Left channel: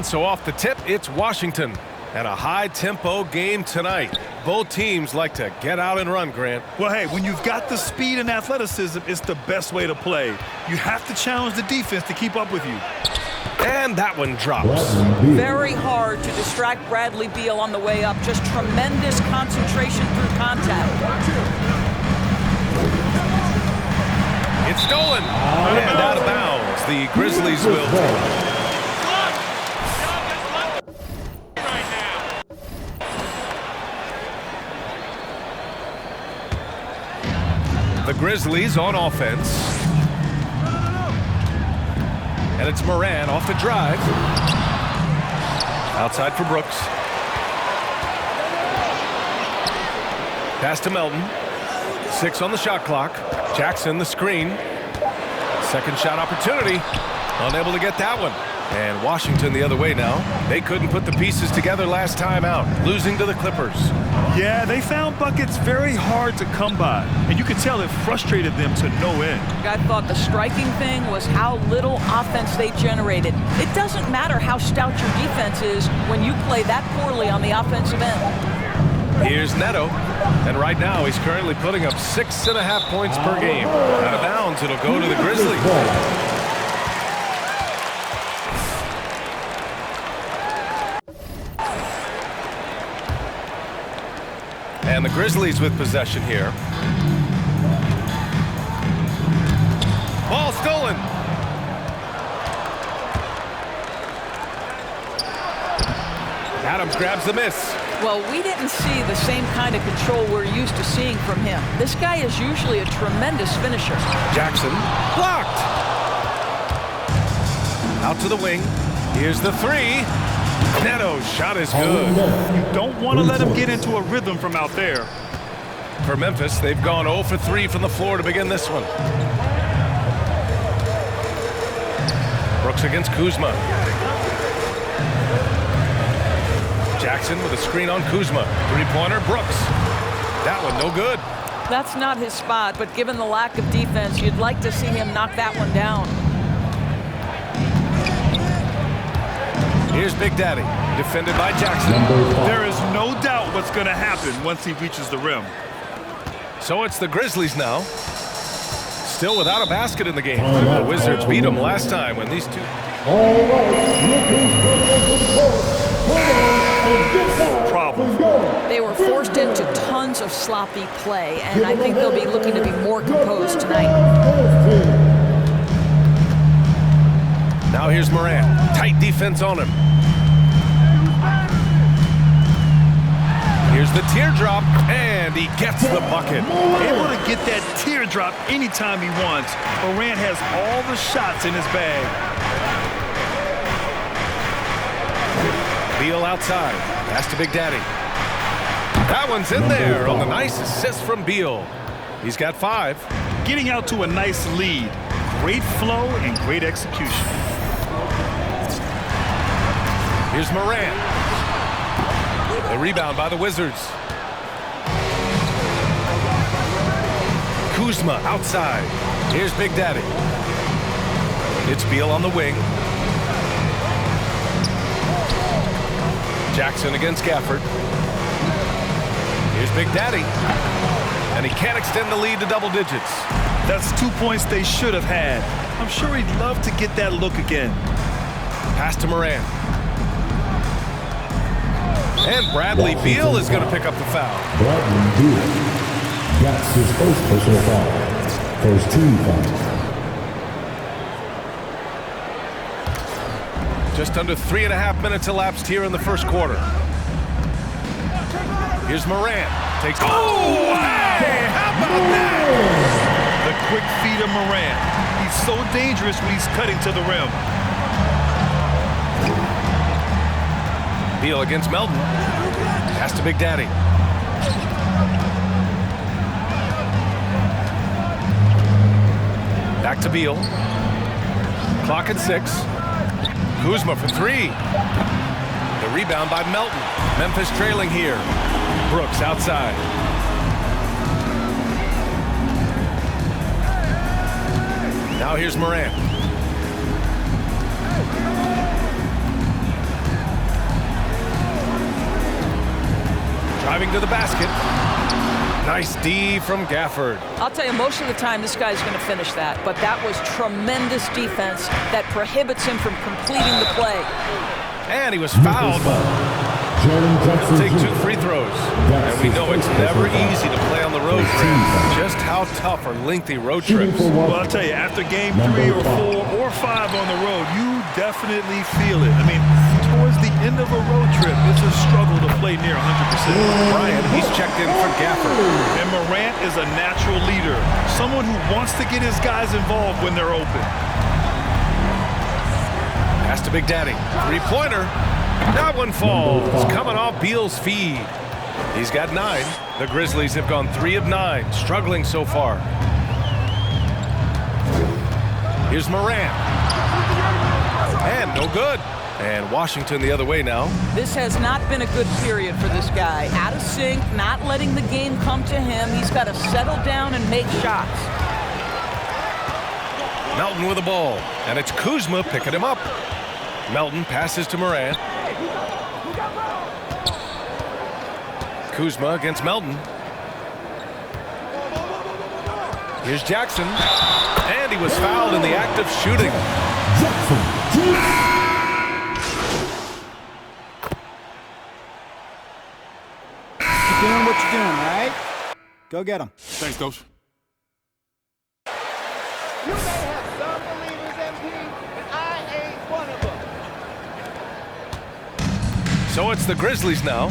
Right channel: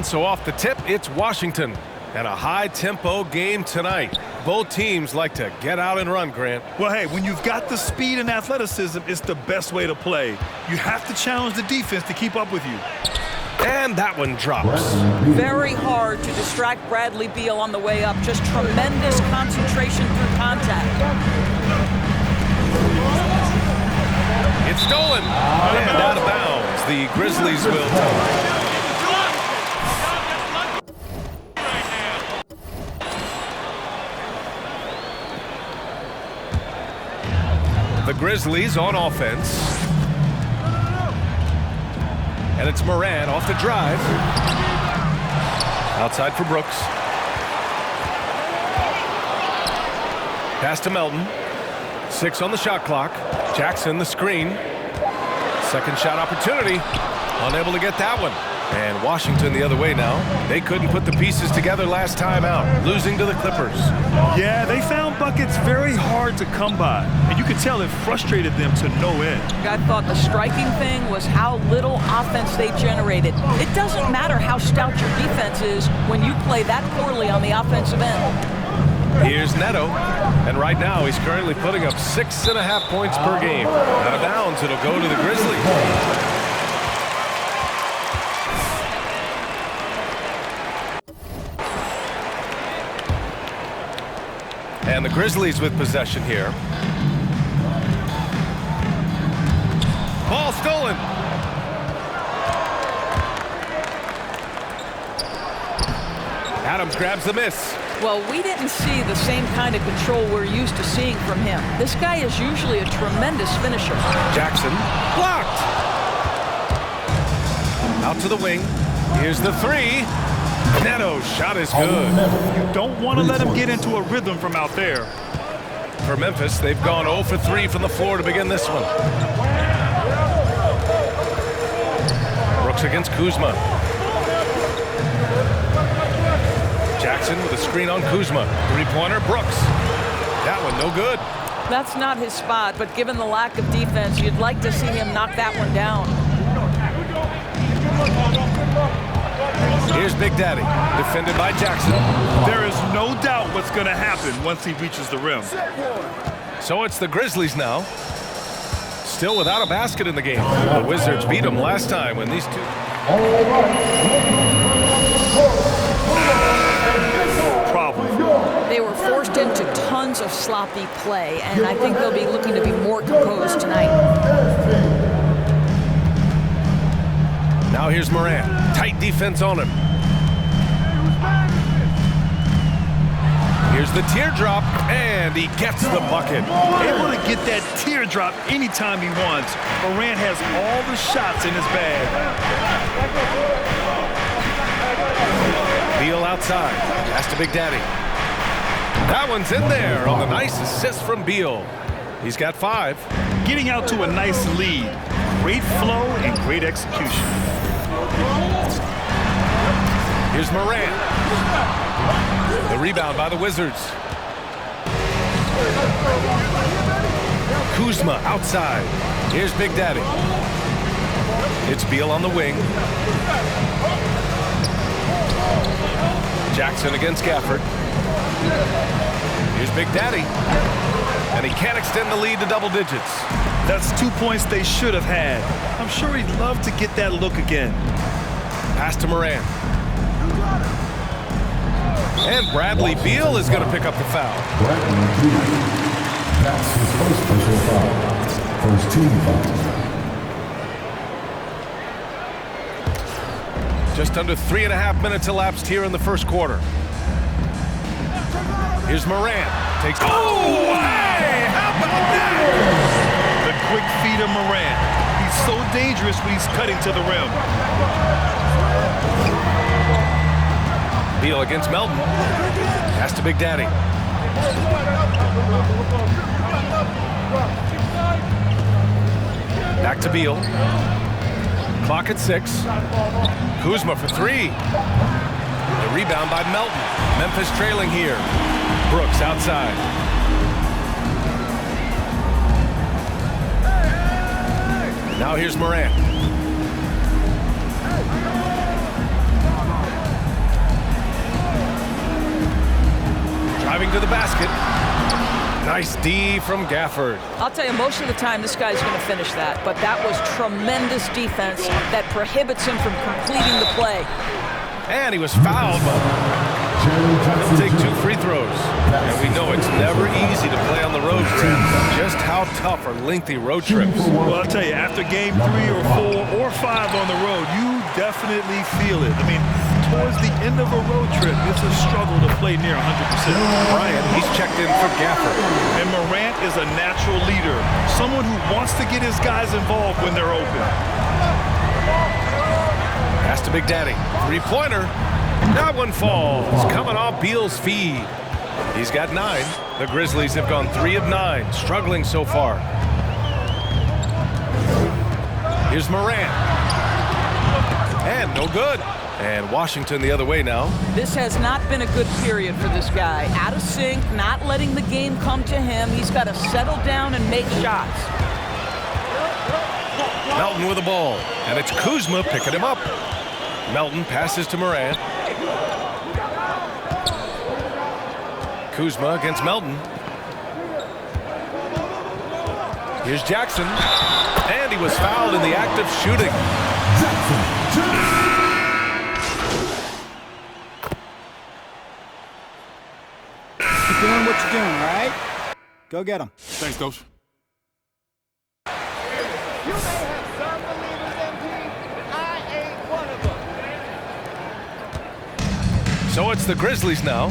And so off the tip, it's Washington. And a high-tempo game tonight. Both teams like to get out and run, Grant. Well, hey, when you've got the speed and athleticism, it's the best way to play. You have to challenge the defense to keep up with you. And that one drops. Very hard to distract Bradley Beal on the way up. Just tremendous concentration through contact. It's stolen. And out of bounds. The Grizzlies will take. The Grizzlies on offense. And it's Moran off the drive. Outside for Brooks. Pass to Melton. 6 on the shot clock. Jackson the screen. Second shot opportunity. Unable to get that one. And Washington the other way now. They couldn't put the pieces together last time out, losing to the Clippers. Yeah, they found buckets very hard to come by, and you could tell it frustrated them to no end. I thought the striking thing was how little offense they generated. It doesn't matter how stout your defense is when you play that poorly on the offensive end. Here's Neto, and right now he's currently putting up 6.5 points per game. Out of bounds, it'll go to the Grizzlies. And the Grizzlies with possession here. Ball stolen. Adams grabs the miss. Well, we didn't see the same kind of control we're used to seeing from him. This guy is usually a tremendous finisher. Jackson blocked. Out to the wing. Here's the three. Neto's shot is good. You don't want to let him get into a rhythm from out there. For Memphis, they've gone 0 for 3 from the floor to begin this one. Brooks against Kuzma. Jackson with a screen on Kuzma. Three-pointer, Brooks. That one no good. That's not his spot, but given the lack of defense, you'd like to see him knock that one down. Here's Big Daddy, defended by Jackson. There is no doubt what's going to happen once he reaches the rim. So it's the Grizzlies now. Still without a basket in the game. The Wizards beat them last time when these two... Problem. They were forced into tons of sloppy play, and I think they'll be looking to be more composed tonight. Now here's Moran. Tight defense on him. Here's the teardrop, and he gets the bucket. Able to get that teardrop anytime he wants. Morant has all the shots in his bag. Beal outside. Pass to Big Daddy. That one's in there on the nice assist from Beal. He's got 5. Getting out to a nice lead. Great flow and great execution. Here's Moran. The rebound by the Wizards. Kuzma outside. Here's Big Daddy. It's Beal on the wing. Jackson against Gafford. Here's Big Daddy. And he can't extend the lead to double digits. That's 2 points they should have had. I'm sure he'd love to get that look again. Pass to Moran. And Bradley Beal is going to pick up the foul. Bradley Beal. That's his first personal foul. First team foul. Just under 3.5 minutes elapsed here in the first quarter. Here's Moran. Takes. Oh, hey! How about that? The quick feed of Morant. He's so dangerous when he's cutting to the rim. Beal against Melton. Pass to Big Daddy. Back to Beal. Clock at 6. Kuzma for 3. The rebound by Melton. Memphis trailing here. Brooks outside. Now here's Morant. Driving to the basket. Nice D from Gafford. I'll tell you, most of the time this guy's going to finish that, but that was tremendous defense that prohibits him from completing the play. And he was fouled. He'll take 2 free throws. And we know it's never easy to play on the road, Grant. Just how tough are lengthy road trips? Well, I'll tell you, after game 3 or 4 or 5 on the road, you definitely feel it. I mean, towards the end of a road trip, it's a struggle to play near 100%. Bryant, he's checked in for Gafford. And Morant is a natural leader, someone who wants to get his guys involved when they're open. Pass to Big Daddy. 3-pointer. That one falls. Coming off Beal's feed. He's got 9. The Grizzlies have gone 3 of 9, struggling so far. Here's Morant. And no good. And Washington the other way now. This has not been a good period for this guy. Out of sync, not letting the game come to him. He's got to settle down and make shots. Melton with the ball. And it's Kuzma picking him up. Melton passes to Morant. Kuzma against Melton. Here's Jackson. And he was fouled in the act of shooting. Keep doing what you're doing, all right? Go get him. Thanks, Coach. You may have some believers, MP, but I ain't one of them. So it's the Grizzlies now.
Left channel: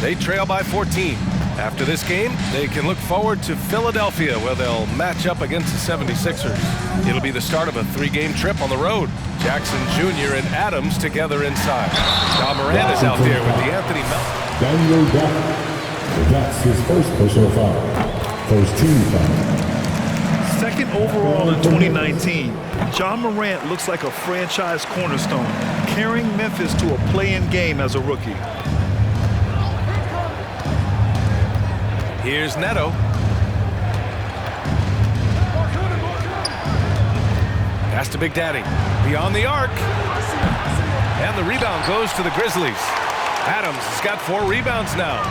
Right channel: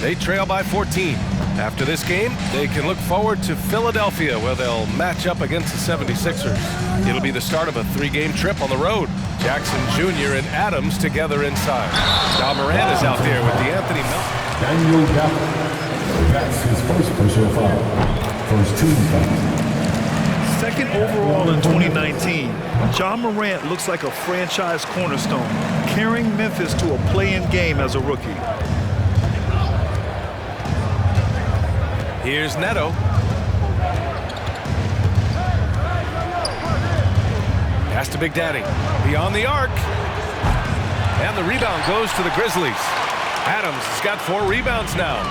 They trail by 14. After this game, they can look forward to Philadelphia, where they'll match up against the 76ers. It'll be the start of a 3-game trip on the road. Jackson Jr. and Adams together inside. Ja Morant is out there with DeAnthony Melton. Daniel Gafford. That's his first personal foul. First team foul. Second overall in 2019, Ja Morant looks like a franchise cornerstone, carrying Memphis to a play-in game as a rookie. Here's Neto. Pass to Big Daddy. Beyond the arc. And the rebound goes to the Grizzlies. Adams has got 4 rebounds now.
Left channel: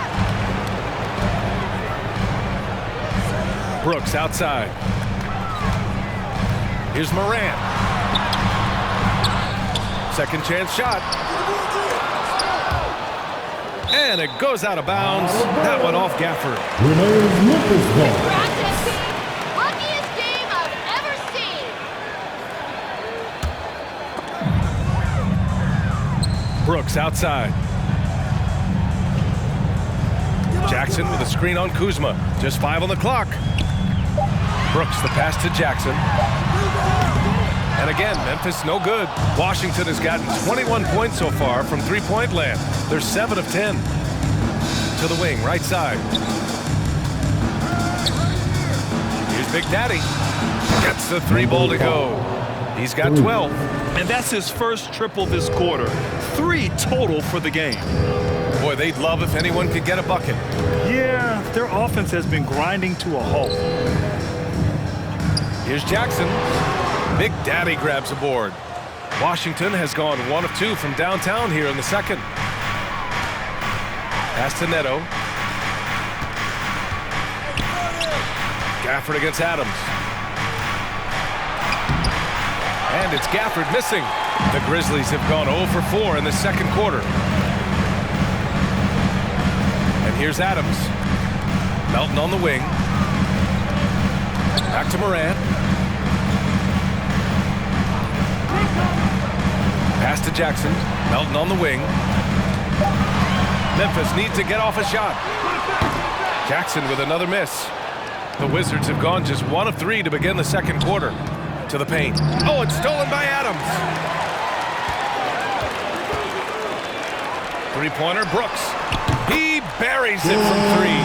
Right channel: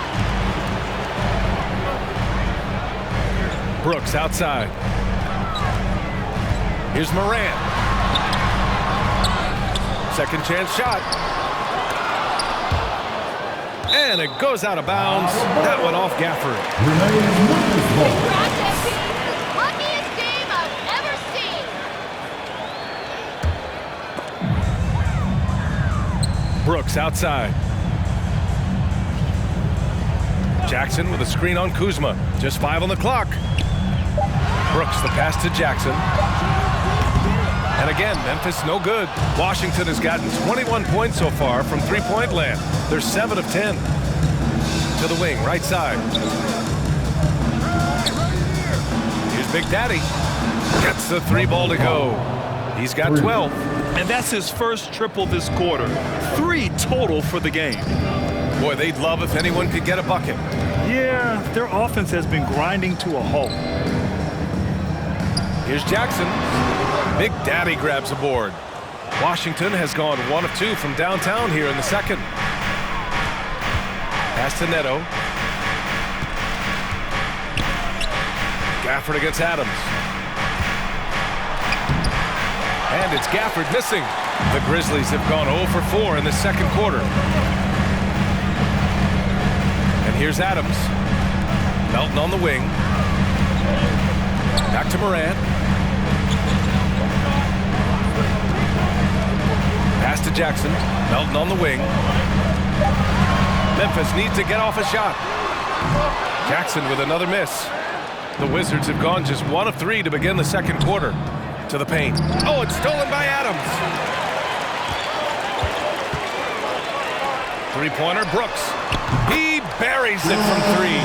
Brooks outside. Here's Morant. Second chance shot. And it goes out of bounds. That one off Gafford. Remains Memphis ball. Congrats, MP. Luckiest game I've ever seen. Brooks outside. Jackson with a screen on Kuzma. Just 5 on the clock. Brooks the pass to Jackson. And again, Memphis no good. Washington has gotten 21 points so far from 3-point land. They're 7 of 10. To the wing, right side. Here's Big Daddy. Gets the 3 ball to go. He's got 12. And that's his first triple this quarter. 3 total for the game. Boy, they'd love if anyone could get a bucket. Yeah, their offense has been grinding to a halt. Here's Jackson. Big Daddy grabs a board. Washington has gone 1 of 2 from downtown here in the second. Pass to Neto. Gafford against Adams. And it's Gafford missing. The Grizzlies have gone 0 for 4 in the second quarter. And here's Adams. Melton on the wing. Back to Morant. Pass to Jackson. Melton on the wing. Memphis needs to get off a shot. Jackson with another miss. The Wizards have gone just 1 of 3 to begin the second quarter. To the paint. Oh, it's stolen by Adams. 3-pointer, Brooks. He buries it from 3.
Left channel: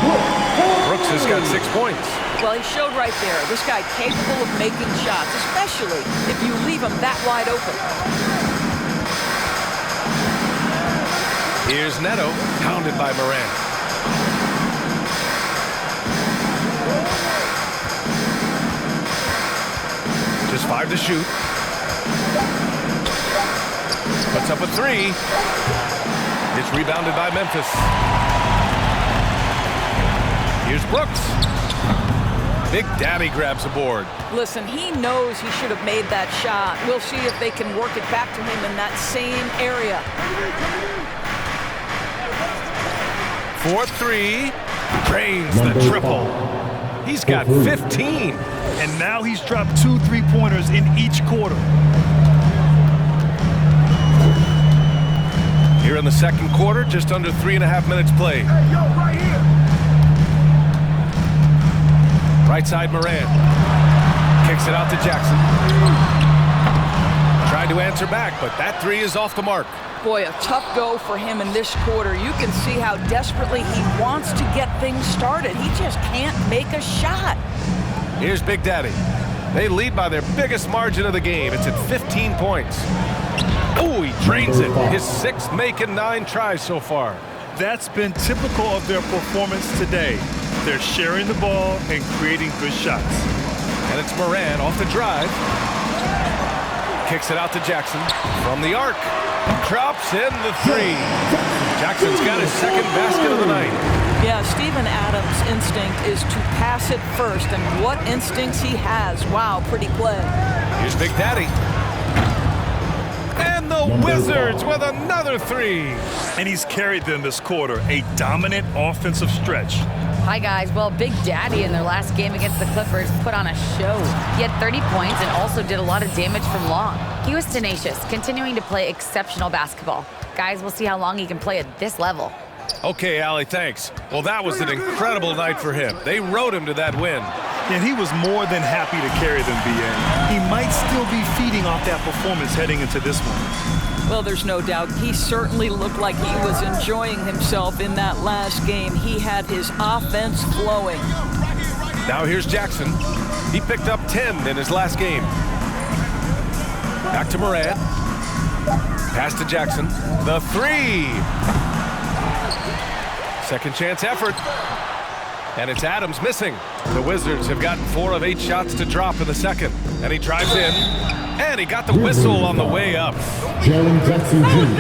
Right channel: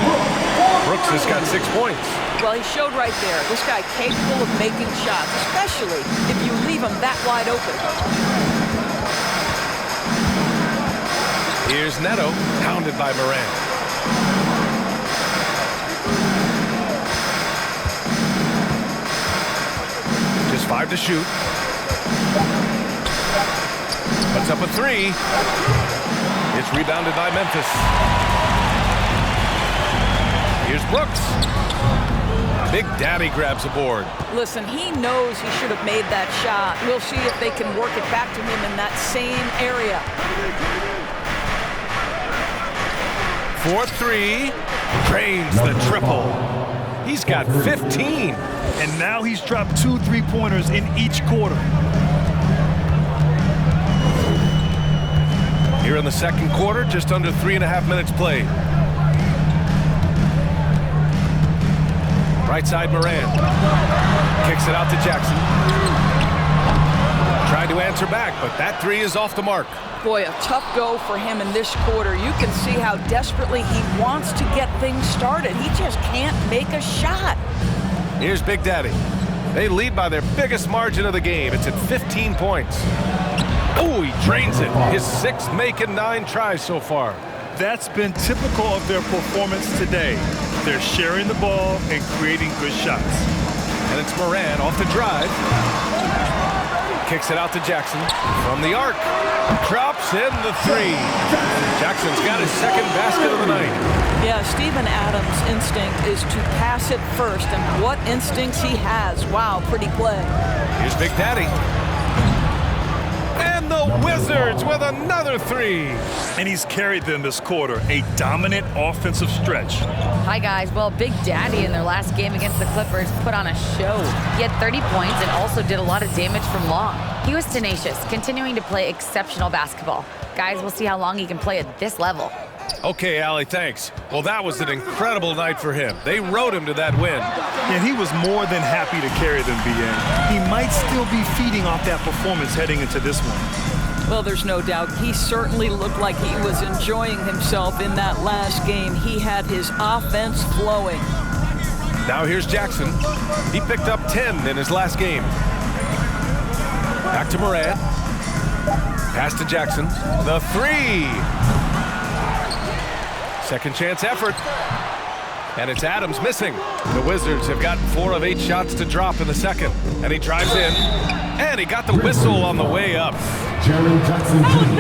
Brooks has got 6 points. Well, he showed right there. This guy capable of making shots, especially if you leave him that wide open. Here's Neto, pounded by Morant. Just 5 to shoot. Puts up a 3. It's rebounded by Memphis. Here's Brooks. Big Daddy grabs a board. Listen, he knows he should have made that shot. We'll see if they can work it back to him in that same area. 4-3. Drains the triple. He's got 15. And now he's dropped 2 3-pointers in each quarter. Here in the second quarter, just under 3.5 minutes played. Right side, Moran. Kicks it out to Jackson. Tried to answer back, but that three is off the mark. Boy, a tough go for him in this quarter. You can see how desperately he wants to get things started. He just can't make a shot. Here's Big Daddy. They lead by their biggest margin of the game. It's at 15 points. Oh, he drains it. His 6th make in 9 tries so far. That's been typical of their performance today. They're sharing the ball and creating good shots. And it's Moran off the drive. Kicks it out to Jackson from the arc. Drops in the 3. Jackson's got his 2nd basket of the night. Yeah, Steven Adams' instinct is to pass it first, and what instincts he has. Wow, pretty play. Here's Big Daddy. And the Wizards with another 3. And he's carried them this quarter, a dominant offensive stretch. Hi, guys. Well, Big Daddy in their last game against the Clippers put on a show. He had 30 points and also did a lot of damage from long. He was tenacious, continuing to play exceptional basketball. Guys, we'll see how long he can play at this level. Okay, Allie, thanks. Well, that was an incredible night for him. They rode him to that win. And he was more than happy to carry them, BA. He might still be feeding off that performance heading into this one. Well, there's no doubt. He certainly looked like he was enjoying himself in that last game. He had his offense flowing. Now here's Jackson. He picked up 10 in his last game. Back to Moran. Pass to Jackson. The 3. Second chance effort. And it's Adams missing. The Wizards have gotten 4 of 8 shots to drop in the second. And he drives in. And he got the whistle on the way up. Jaren Jackson Jr.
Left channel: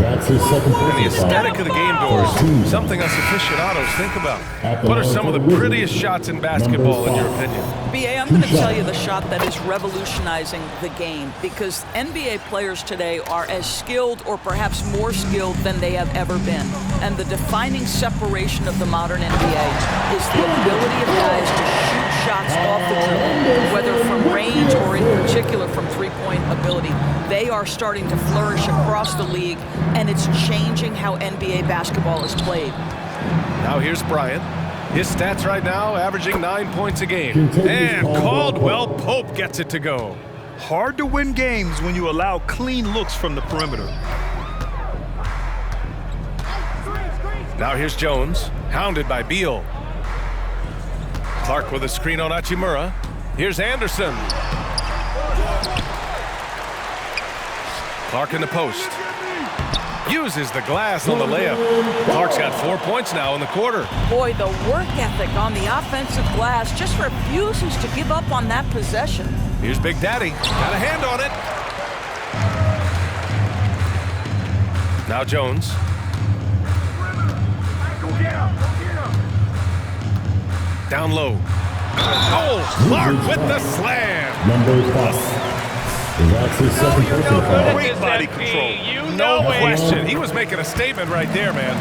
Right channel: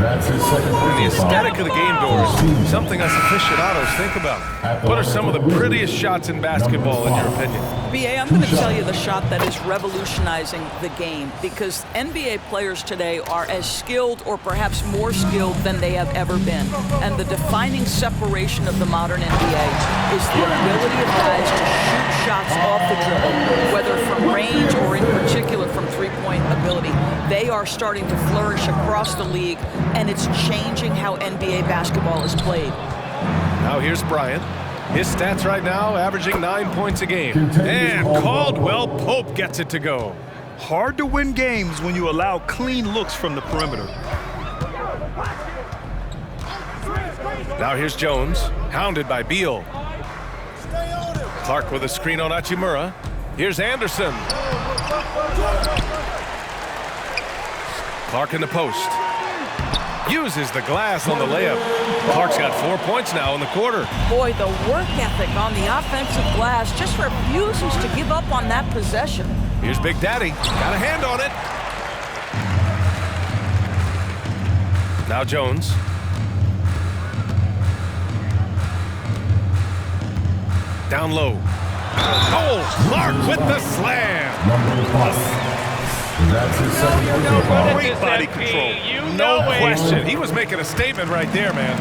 That's his 2nd And the personal aesthetic foul. of the game doors, something us aficionados think about. What are some of the prettiest shots in basketball, in your opinion? BA, I'm going to tell you the shot that is revolutionizing the game, because NBA players today are as skilled or perhaps more skilled than they have ever been. And the defining separation of the modern NBA is the ability of guys to shoot shots off the dribble, whether from range or in particular from three-point ability. They are starting to flourish across the league, and it's changing how NBA basketball is played. Now here's Bryant. His stats right now averaging 9 points a game. And Caldwell Pope gets it to go. Hard to win games when you allow clean looks from the perimeter. Now here's Jones, hounded by Beal. Clark with a screen on Hachimura. Here's Anderson. Clark in the post. Uses the glass on the layup. Clark's got 4 points now in the quarter. Boy, the work ethic on the offensive glass just refuses to give up on that possession. Here's Big Daddy. Got a hand on it. Now Jones. Down low. Oh, Clark with the slam. Number 5. That's his 2nd personal foul. Great body control. No question. He was making a statement right there, man.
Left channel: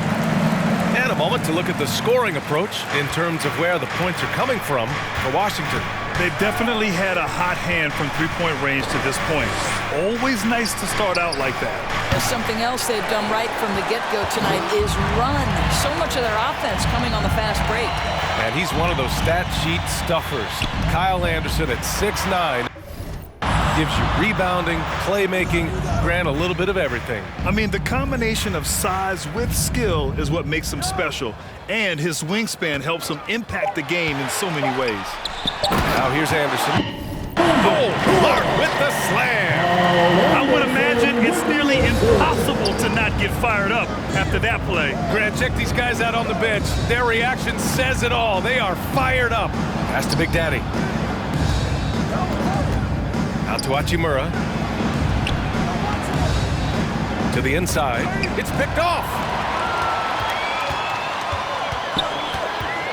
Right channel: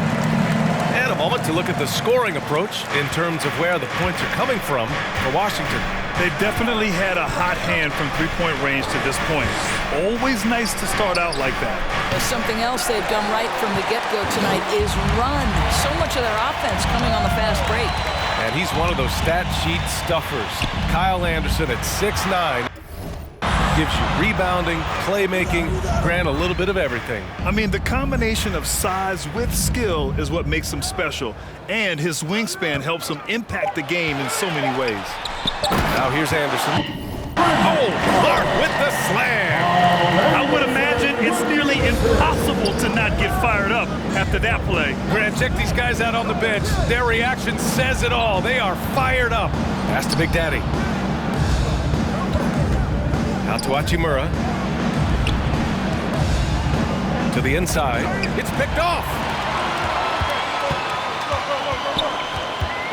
And a moment to look at the scoring approach in terms of where the points are coming from for Washington. They've definitely had a hot hand from three-point range to this point. Always nice to start out like that. Something else they've done right from the get-go tonight is run. So much of their offense coming on the fast break. And he's one of those stat sheet stuffers. Kyle Anderson at 6'9". Gives you rebounding, playmaking, grant a little bit of everything. I mean, the combination of size with skill is what makes him special, and his wingspan helps him impact the game in so many ways. Now here's Anderson. Oh, Clark with the slam. I would imagine it's nearly impossible to not get fired up after that play. Grant, check these guys out on the bench. Their reaction says it all. They are fired up. Pass to Big Daddy. Out to Hachimura. To the inside. It's picked off.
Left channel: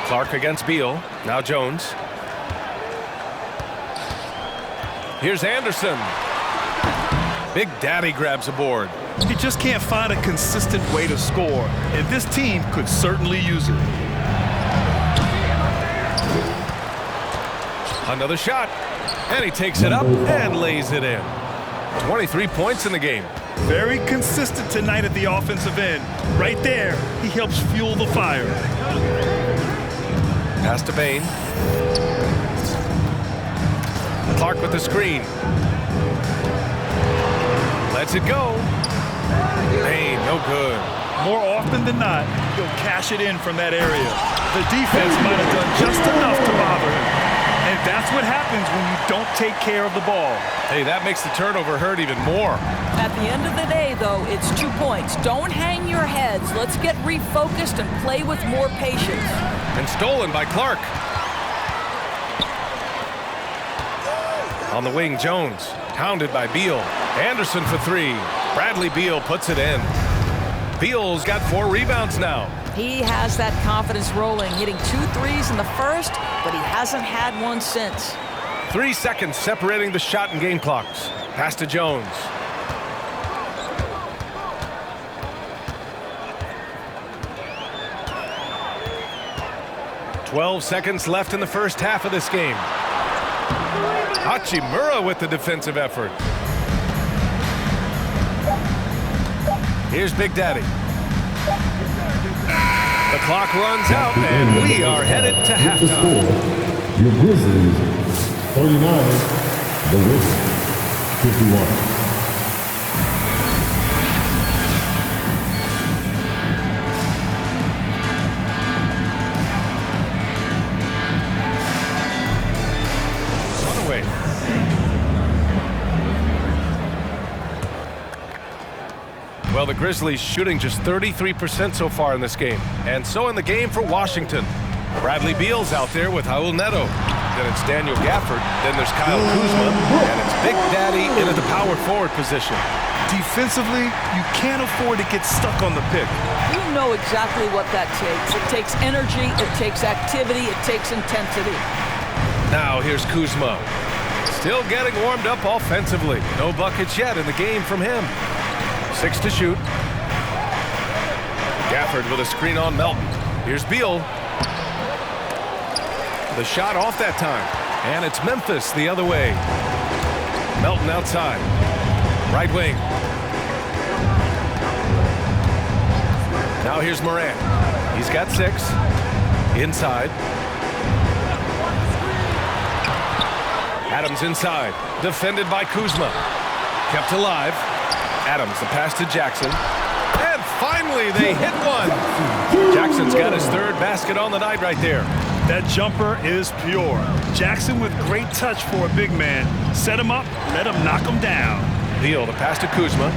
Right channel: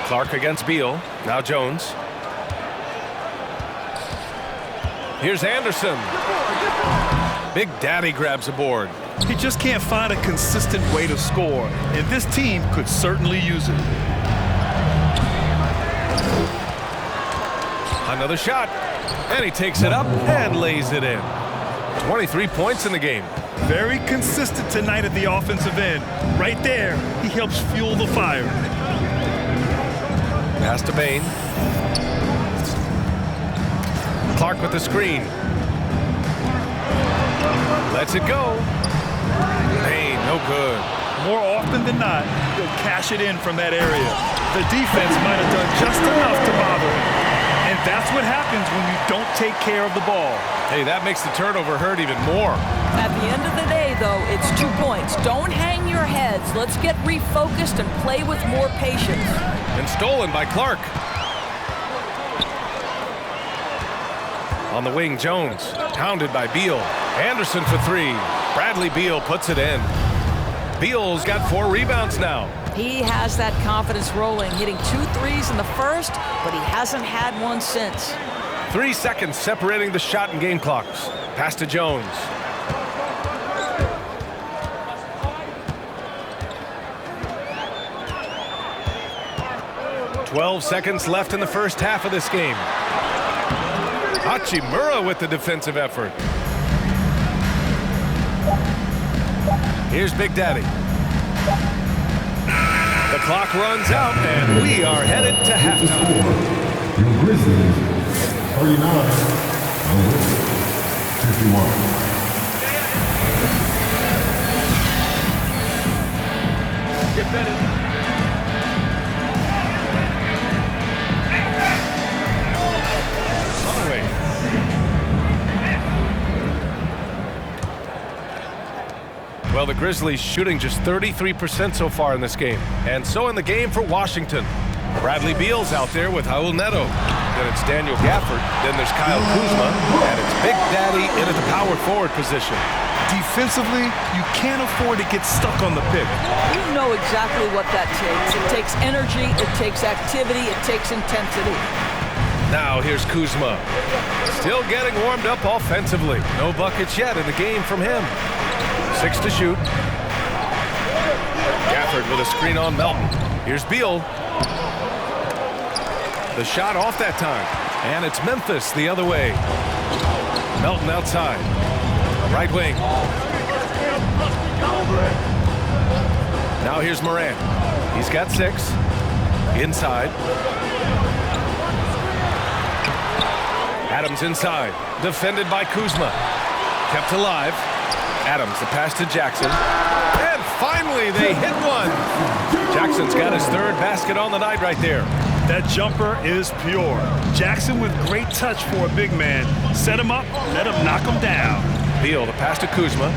Clark against Beal. Now Jones. Here's Anderson. Big Daddy grabs a board. He just can't find a consistent way to score, and this team could certainly use it. Another shot, and he takes it up and lays it in. 23 points in the game. Very consistent tonight at the offensive end. Right there, he helps fuel the fire. Pass to Bain. Clark with the screen. Lets it go. Bain, no good. More often than not, he'll cash it in from that area. The defense might have done just enough to bother him. And that's what happens when you don't take care of the ball. Hey, that makes the turnover hurt even more. At the end of the day, though, it's 2 points. Don't hang your heads. Let's get refocused and play with more patience. And stolen by Clark. On the wing, Jones. Pounded by Beal. Anderson for 3. Bradley Beal puts it in. Beal's got 4 rebounds now. He has that confidence rolling, hitting 2 threes in the first, but he hasn't had one since. 3 seconds separating the shot and game clocks. Pass to Jones. "12 seconds left in the first half of this game. Hachimura with the defensive effort. Here's Big Daddy. The clock runs out, and we are headed to halftime. Your Grizzlies, 39. The Wizards, 51. Runaway. Well, the Grizzlies shooting just 33% so far in this game. And so in the game for Washington. Bradley Beal's out there with Raul Neto. Then it's Daniel Gafford. Then there's Kyle Kuzma. And it's Big Daddy in at the power forward position. Defensively, you can't afford to get stuck on the pick. You know exactly what that takes. It takes energy, it takes activity, it takes intensity. Now here's Kuzma. Still getting warmed up offensively. No buckets yet in the game from him. 6 to shoot. Gafford with a screen on Melton. Here's Beal. The shot off that time. And it's Memphis the other way. Melton outside. Right wing. Now here's Morant. He's got 6. Inside. Adams inside. Defended by Kuzma. Kept alive. Adams, the pass to Jackson. And finally, they hit one. Jackson's got his 3rd basket on the night right there. That jumper is pure. Jackson with great touch for a big man. Set him up, let him knock him down. Beal, the pass to Kuzma.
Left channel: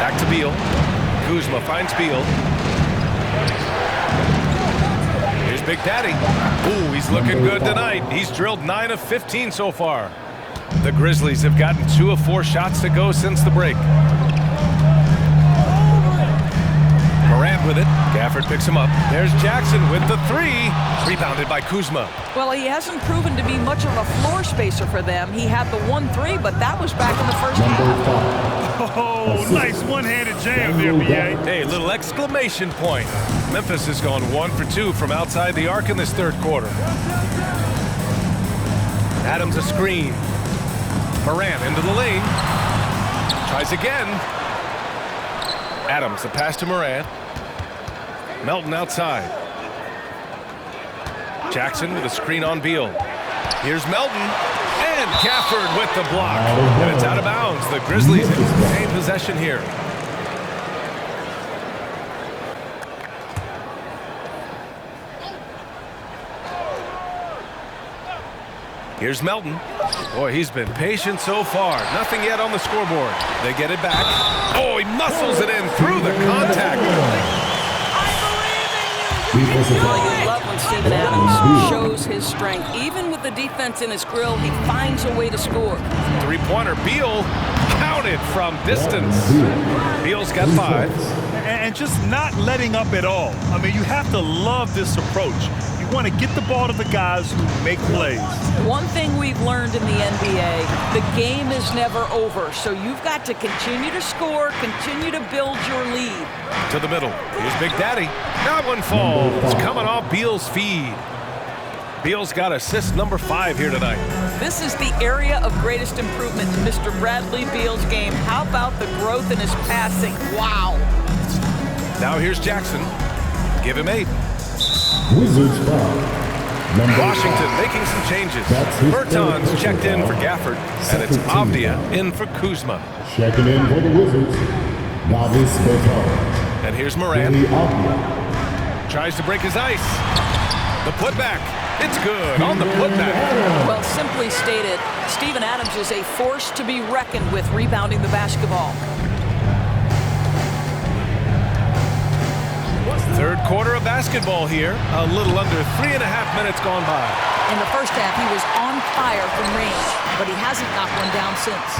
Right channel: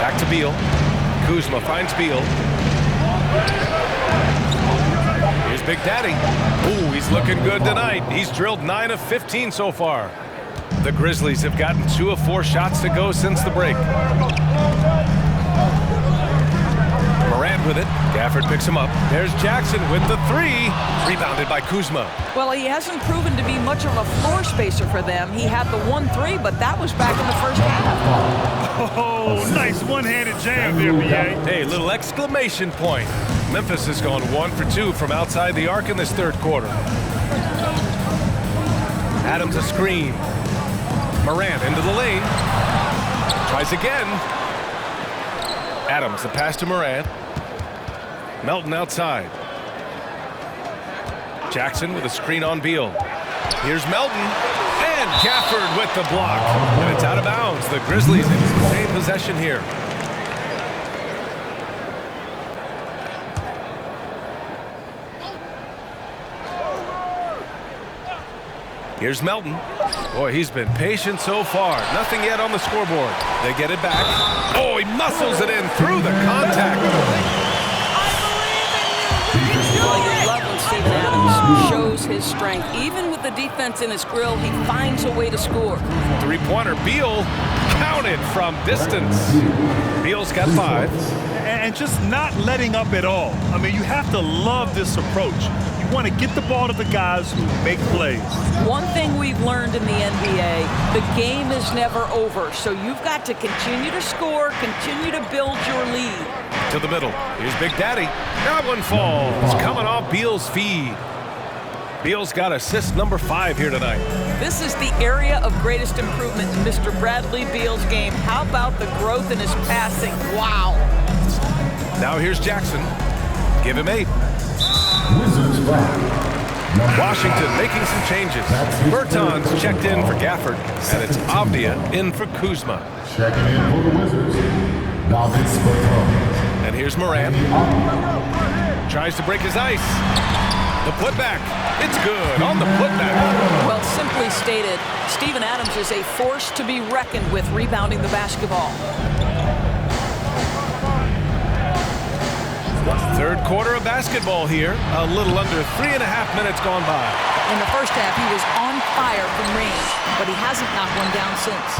Back to Beal. Kuzma finds Beal. Here's Big Daddy. Ooh, he's looking good tonight. He's drilled 9 of 15 so far. The Grizzlies have gotten 2 of 4 shots to go since the break. Morant with it. Gafford picks him up. There's Jackson with the 3. Rebounded by Kuzma. Well, he hasn't proven to be much of a floor spacer for them. He had the 1-3, but that was back in the first half. Oh, nice one-handed jam there, B.A. Hey, little exclamation point. Memphis has gone 1 for 2 from outside the arc in this 3rd quarter. Adams a screen. Morant into the lane. Tries again. Adams, the pass to Morant. Melton outside. Jackson with a screen on Beal. Here's Melton. And Gafford with the block. And it's out of bounds. The Grizzlies in same possession here. Here's Melton. Boy, he's been patient so far. Nothing yet on the scoreboard. They get it back. Oh, he muscles it in through the contact. Well, you love when Steven Adams shows his strength. Even with the defense in his grill, he finds a way to score. 3-pointer. Beal counted from distance. Beal's got 5. And just not letting up at all. I mean, you have to love this approach. You want to get the ball to the guys who make plays. One thing we've learned in the NBA, the game is never over. So you've got to continue to score, continue to build your lead. To the middle. Here's Big Daddy. That one falls. Coming off Beal's feed. Beal's got assist number 5 here tonight. This is the area of greatest improvement in Mr. Bradley Beal's game. How about the growth in his passing? Wow. Now here's Jackson. Give him 8. Wizards foul. Number Washington 5. making some changes. That's his Bertans third checked in for foul. Gafford, and it's Second team Avdia foul. in for Kuzma. Checking in for the Wizards. Davis Bertans. And here's Morant. Danny Avdia. Tries to break his ice. The putback. It's good on the putback. Well, simply stated, Steven Adams is a force to be reckoned with rebounding the basketball. Third quarter of basketball here. A little under 3.5 minutes gone by. In the first half, he was on fire from range, but he hasn't knocked one down since.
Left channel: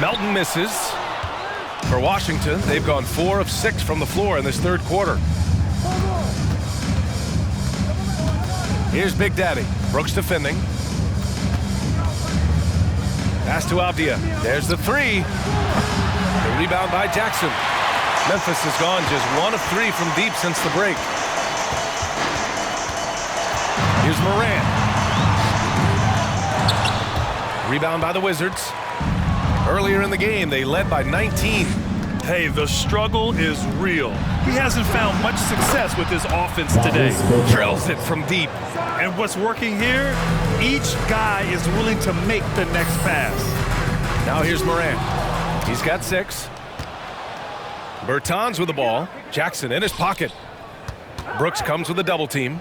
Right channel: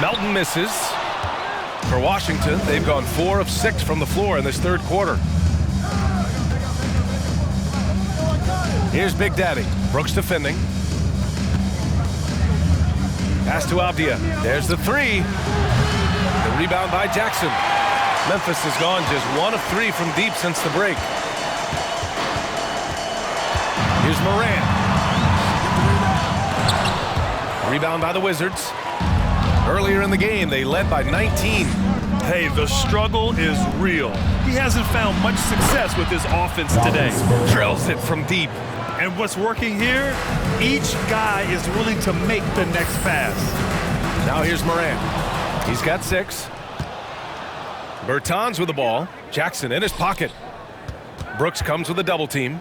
Melton misses. For Washington, they've gone 4 of 6 from the floor in this third quarter. Here's Big Daddy. Brooks defending. Pass to Avdia. There's the 3. The rebound by Jackson. Memphis has gone just 1 of 3 from deep since the break. Here's Morant. Rebound by the Wizards. Earlier in the game, they led by 19. Hey, the struggle is real. He hasn't found much success with his offense today. Drills it from deep. And what's working here, each guy is willing to make the next pass. Now here's Morant. He's got 6. Bertans with the ball. Jackson in his pocket. Brooks comes with a double team.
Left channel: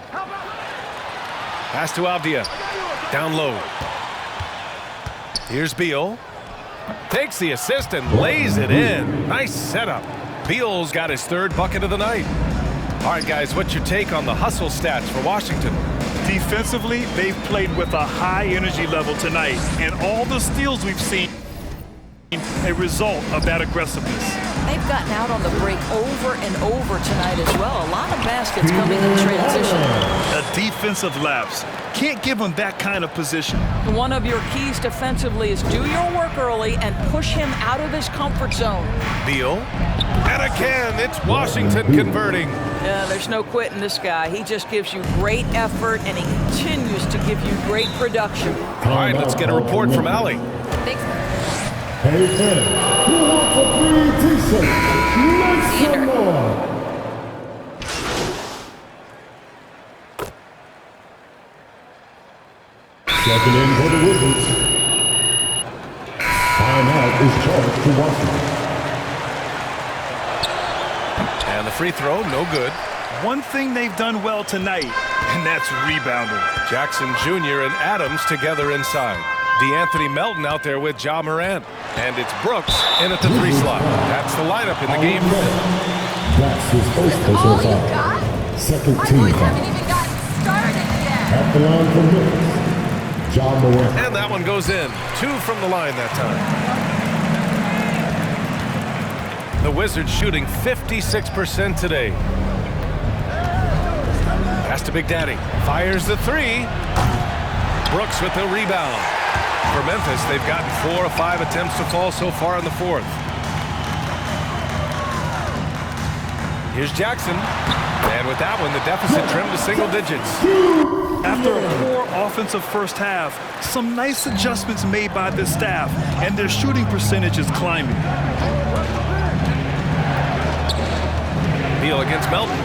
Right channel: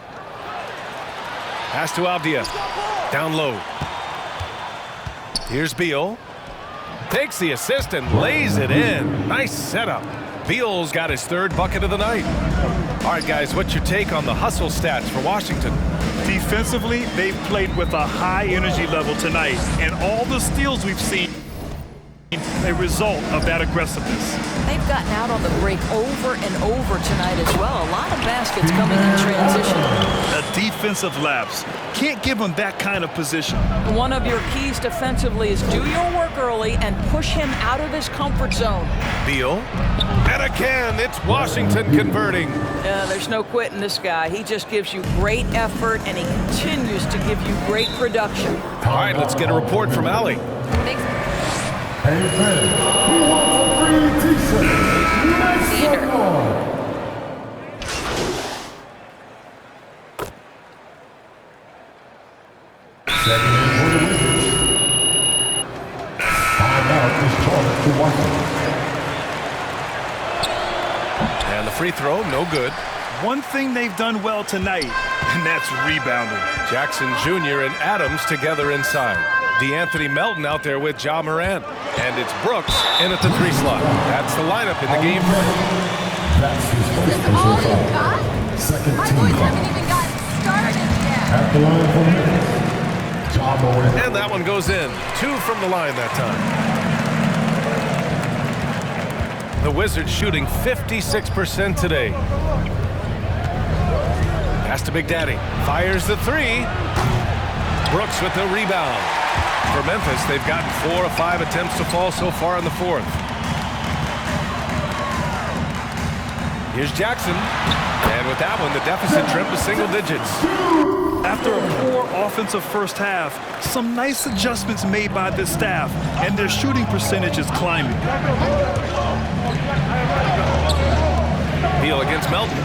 Pass to Avdia. Down low. Here's Beal. Takes the assist and lays it in. Nice setup. Beal's got his 3rd bucket of the night. All right, guys, what's your take on the hustle stats for Washington? Defensively, they've played with a high energy level tonight, and all the steals we've seen a result of that aggressiveness. They've gotten out on the break over and over tonight as well. A lot of baskets coming in transition. A defensive lapse. Can't give him that kind of position. One of your keys defensively is do your work early and push him out of his comfort zone. Beal. And again, it's Washington converting. There's no quitting this guy. He just gives you great effort, and he continues to give you great production. All right, let's get a report from Allie. Thanks. Hey, fans, who wants a free t-shirt? Make Theater. some noise. Checking in for the Wizards. Timeout is charged to Washington. And the free throw, no good. One thing they've done well tonight, and that's rebounding. Jackson Jr. and Adams together inside. DeAnthony Melton out there with Ja Morant. And it's Brooks in at the 3 slot. That's the lineup in the game for him. That's his first All personal you foul. got? Second My team boys foul. haven't even gotten started yet. At the line for Memphis, Ja Morant. And that one goes in. 2 from the line that time. The Wizards shooting 56% today. Pass to Big Daddy. Fires the 3. Brooks with the rebound. For Memphis, they've gotten 4 of 5 attempts to fall so far in the 4th. Here's Jackson. And with that one, the deficit trimmed to single digits. After a poor offensive first half, some nice adjustments made by this staff, and their shooting percentage is climbing. Beal against Melton.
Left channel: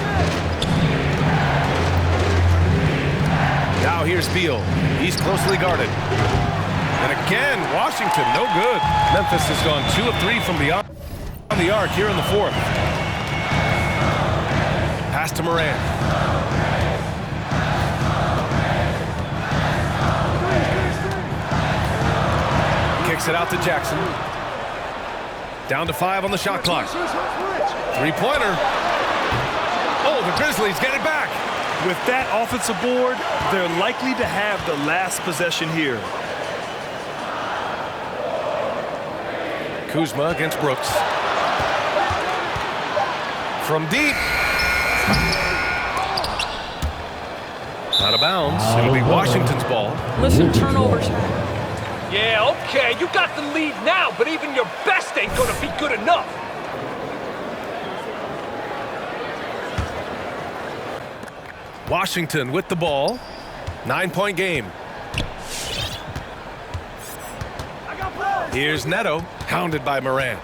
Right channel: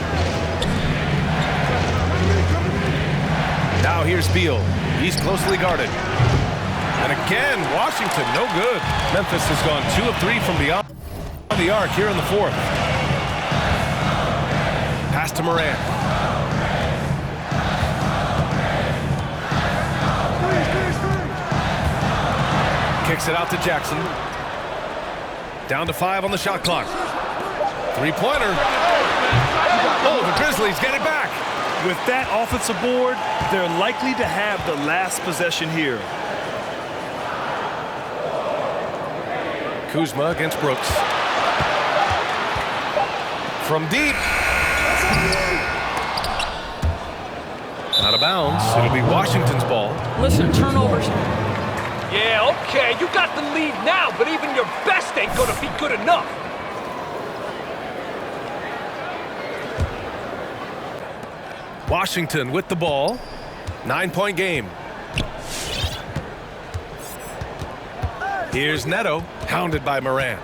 Now here's Beal. He's closely guarded. And again, Washington, no good. Memphis has gone 2 of 3 from beyond the arc here in the 4th. Pass to Morant. Kicks it out to Jackson. Down to 5 on the shot clock. 3-pointer. Oh, the Grizzlies get it back. With that offensive board, they're likely to have the last possession here. Kuzma against Brooks. From deep. Out of bounds. It'll be Washington's ball. Listen, turnovers. Yeah, okay, you got the lead now, but even your best ain't gonna be good enough. Washington with the ball. 9-point game. Here's Neto, hounded by Morant.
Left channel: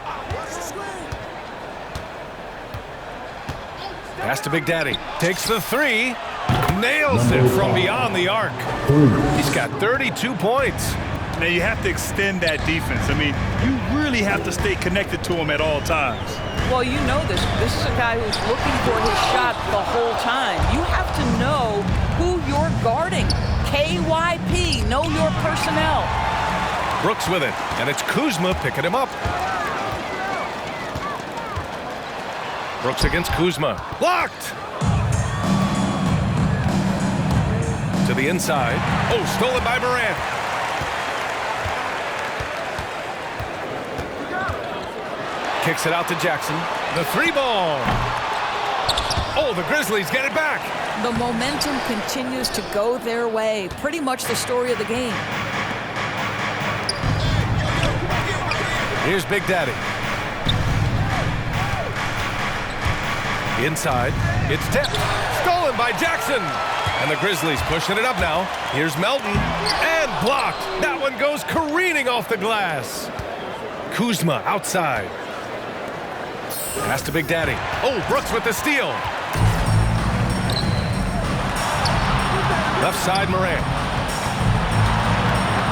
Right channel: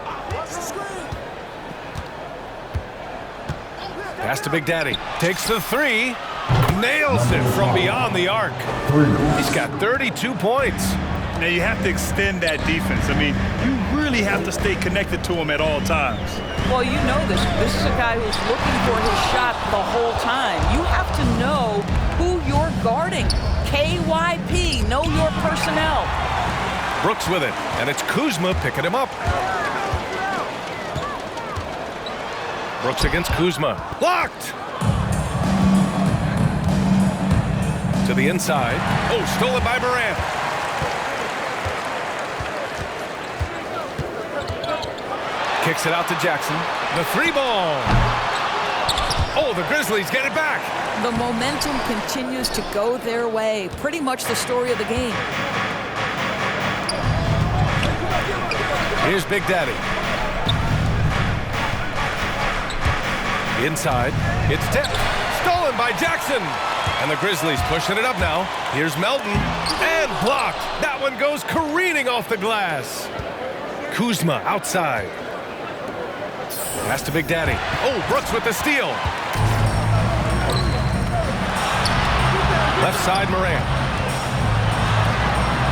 Pass to Big Daddy. Takes the three. Nails it from beyond the arc. He's got 32 points. Now you have to extend that defense. I mean, you really have to stay connected to him at all times. Well, you know this. This is a guy who's looking for his shot the whole time. You have to know who you're guarding. KYP, know your personnel. Brooks with it, and it's Kuzma picking him up. Brooks against Kuzma. Blocked! To the inside. Oh, stolen by Morant. Kicks it out to Jackson. The three ball. Oh, the Grizzlies get it back. The momentum continues to go their way. Pretty much the story of the game. Here's Big Daddy. Inside. It's tipped. Stolen by Jackson. And the Grizzlies pushing it up now. Here's Melton. And blocked. That one goes careening off the glass. Kuzma outside. Pass to Big Daddy. Oh, Brooks with the steal. Left side, Morant.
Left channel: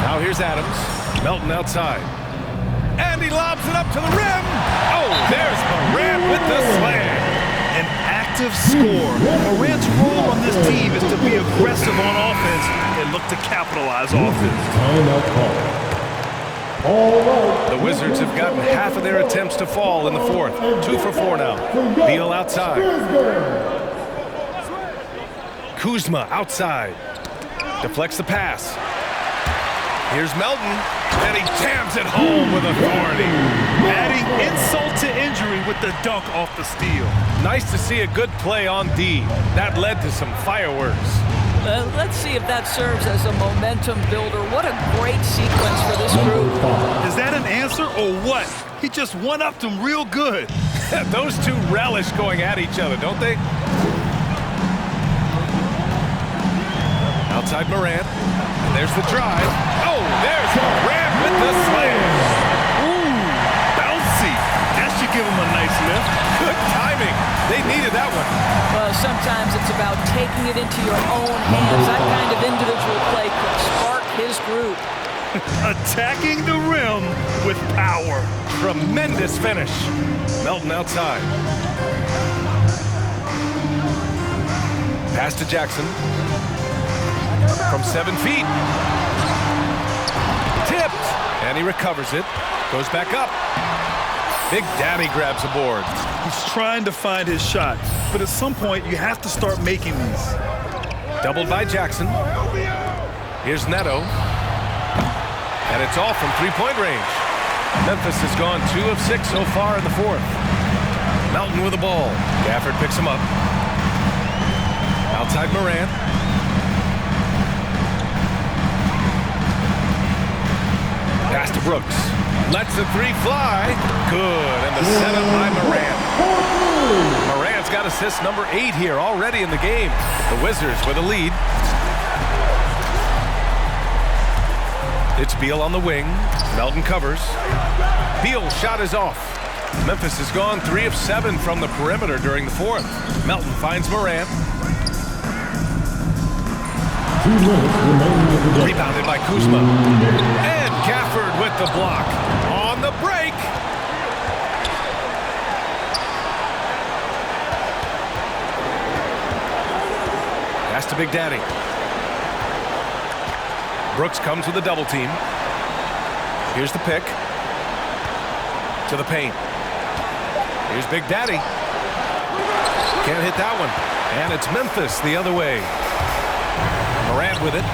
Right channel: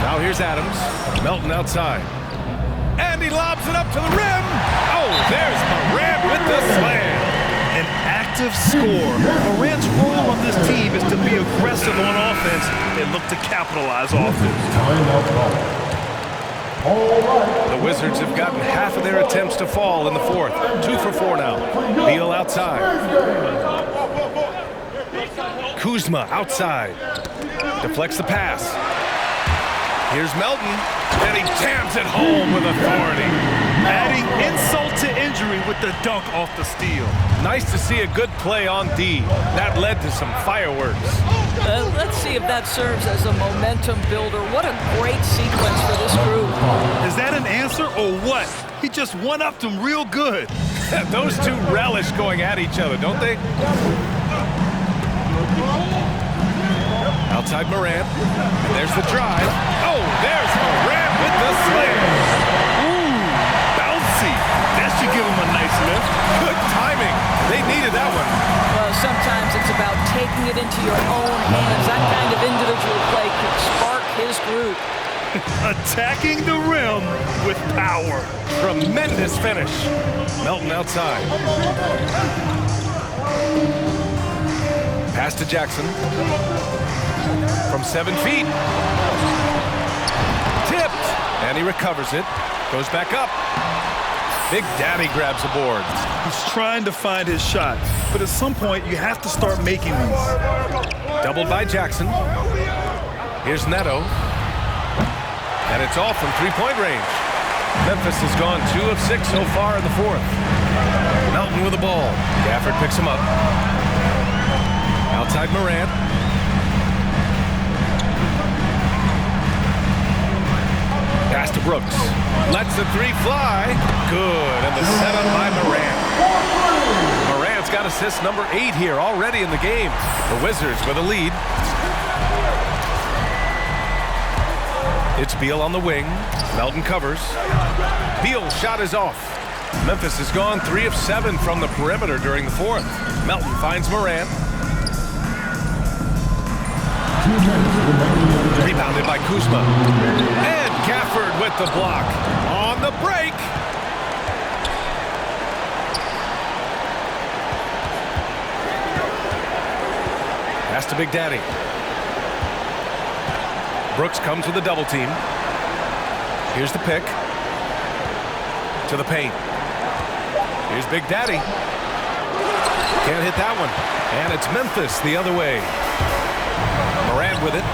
Now here's Adams. Melton outside. And he lobs it up to the rim. Oh, there's Morant with the slam. An active scorer. Morant's role on this team is to be aggressive on offense and look to capitalize off it. Timeout call. All right. The Wizards have gotten half of their attempts to fall in the fourth. 2 for 4 now. Beal outside. Kuzma outside. Deflects the pass. Here's Melton. And he jams it home with authority. Adding insult to injury with the dunk off the steal. Nice to see a good play on D. That led to some fireworks. Let's see if that serves as a momentum builder. What a great sequence for this group. Is that an answer or what? He just one-upped him real good. Those two relish going at each other, don't they? Outside Morant. And there's the drive. Oh, there's Morant with the slam. Ooh, bouncy. That should give him a nice lift. Good timing. They needed that one. Well, sometimes it's about taking it into your own hands. That kind of individual play could spark his group. Attacking the rim with power. Tremendous finish. Melton outside. Pass to Jackson. From 7 feet. Tipped. And he recovers it. Goes back up. Big Daddy grabs a board. He's trying to find his shot, but at some point you have to start making these. Doubled by Jackson. Here's Neto. And it's all from three-point range. Memphis has gone 2 of 6 so far in the fourth. Melton with the ball. Gafford picks him up. Outside Morant. Pass to Brooks. Lets the three fly. Good. And the setup by Morant. Morant's got assist number 8 here already in the game. The Wizards with a lead. It's Beal on the wing. Melton covers. Beal's shot is off. Memphis has gone 3 of 7 from the perimeter during the fourth. Melton finds Morant. 2 minutes remaining in the game. Rebounded by Kuzma. And Gafford with the block. On the break. Pass to Big Daddy. Brooks comes with a double team. Here's the pick. To the paint. Here's Big Daddy. Can't hit that one. And it's Memphis the other way. Morant with it.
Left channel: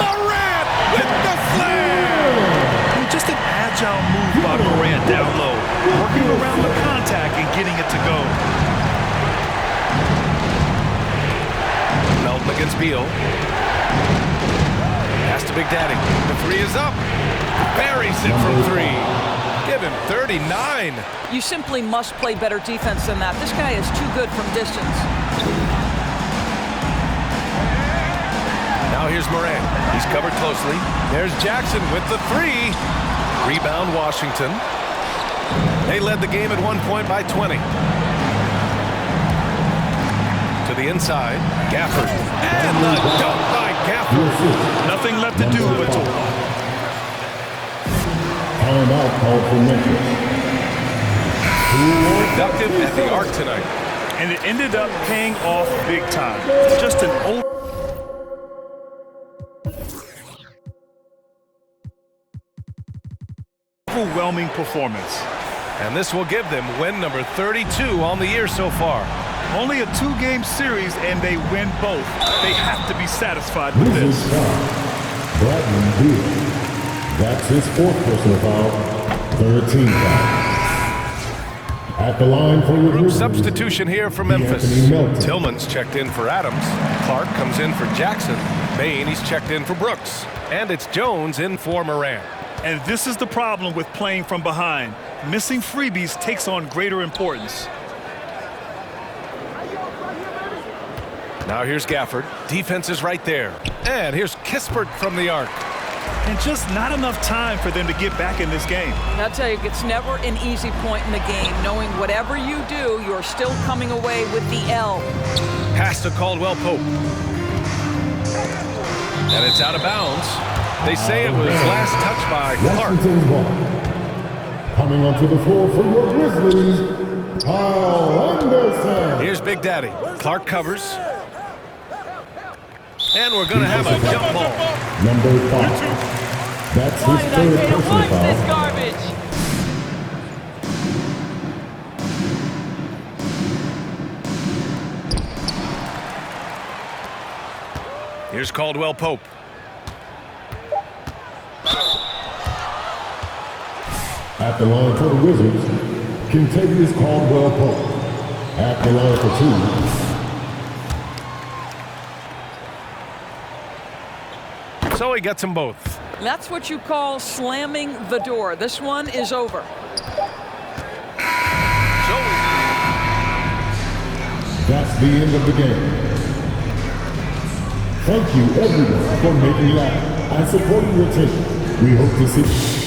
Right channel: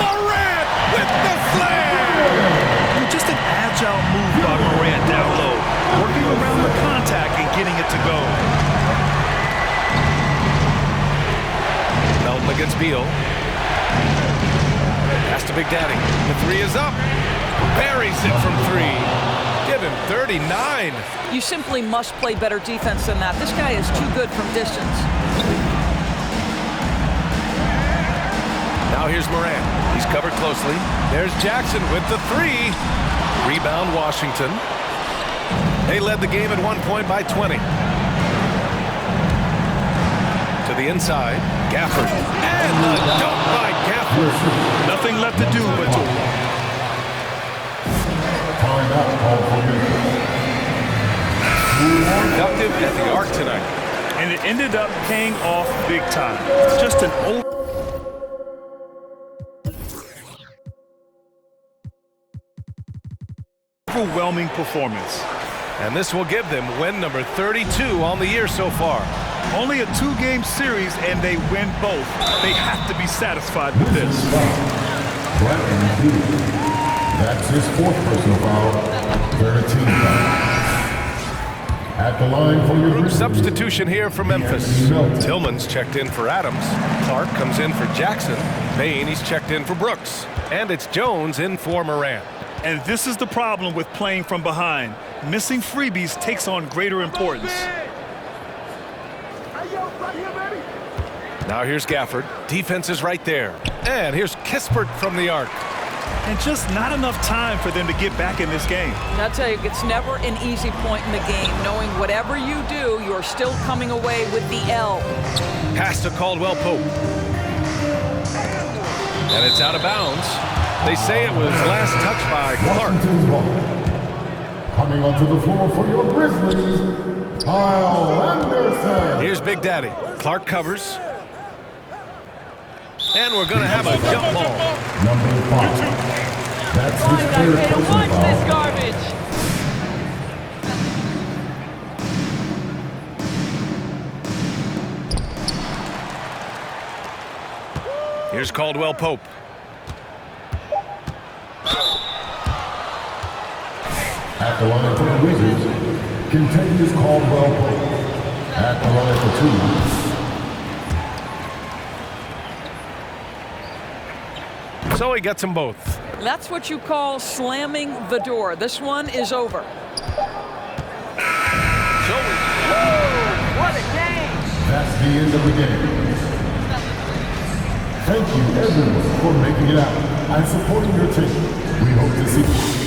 Morant with the slam! I mean, just an agile move by Morant down low, working around the contact. contact and getting it to go. Melton against Beal. Pass to Big Daddy. The three is up. Buries it from three. Give him 39. You simply must play better defense than that. This guy is too good from distance. Now here's Moran. He's covered closely. There's Jackson with the three. Rebound Washington. They led the game at one point by 20. To the inside. Gafford. And the dunk by Gafford. Nothing left to do but to... Timeout called for Memphis. Productive at the arc tonight. And it ended up paying off big time. Just an overwhelming performance. And this will give them win number 32 on the year so far. Only a 2-game series and they win both. They have to be satisfied with this. Bradley Beal. That's his 4th personal foul. 13 foul. At the line for your Group substitution here for Memphis. Melton. Tillman's checked in for Adams. Clark comes in for Jackson. Bain, he's checked in for Brooks. And it's Jones in for Moran. And this is the problem with playing from behind. Missing freebies takes on greater importance. Now here's Gafford. Defense is right there. And here's Kispert from the arc. And just not enough time for them to get back in this game. I'll tell you, it's never an easy point in the game, knowing whatever you do, you're still coming away with the L. Pass to Caldwell Pope. And it's out of bounds. They say it was last touched by Clark. Washington's ball. Coming onto the floor for your Grizzlies, Kyle Anderson. Here's Big Daddy. Clark covers. And we're going to have a jump ball. Number 5. That's his 3rd personal Watch this foul. garbage. Here's Caldwell Pope. At the line for the Wizards, Kentavious Caldwell Pope. At the line for 2. So he gets them both. That's what you call slamming the door. This one is over. That's the end of the game. Thank you, everyone, for making it out and supporting your team. We hope to see you.